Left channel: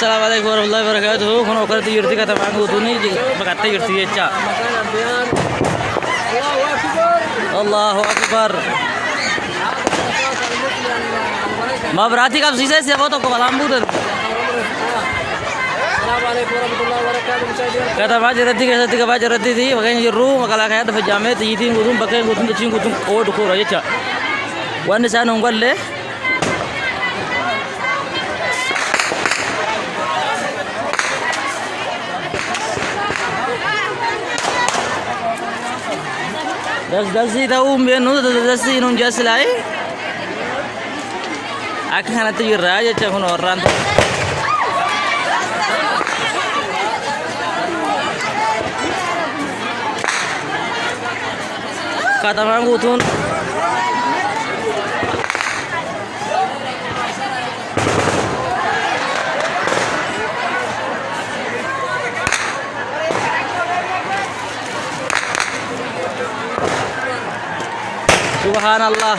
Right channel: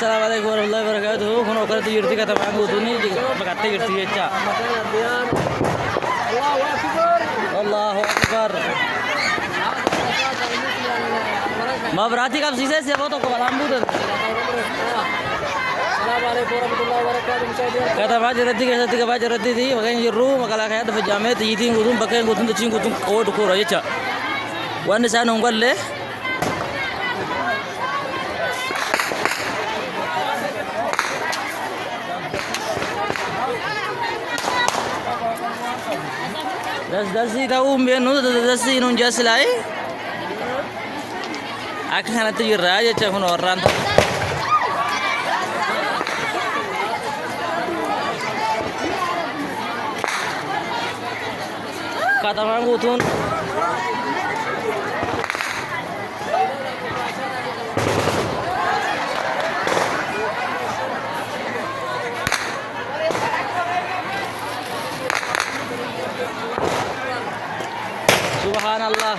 Assalamualaikum warahmatullahi wabarakatuh. Kono kerti yurti kata Pak Butuni berkata yurti eca. Allahu Akbar. Ma berarti kap sisa siapa tu kepala ambutan. Assalamualaikum warahmatullahi wabarakatuh. Kata baca roti kata tiga baca roti di makanya jeru makala kaya tu pejamnya tu jadi ngurung pakai ngurung tu cing ngurung kau tu kau eca. Wan sana unggal le. Dasi tahu menu dasi nun jas lai. Aku kan nanti raja cakap orang. Kata orang Butun. Subhanallah.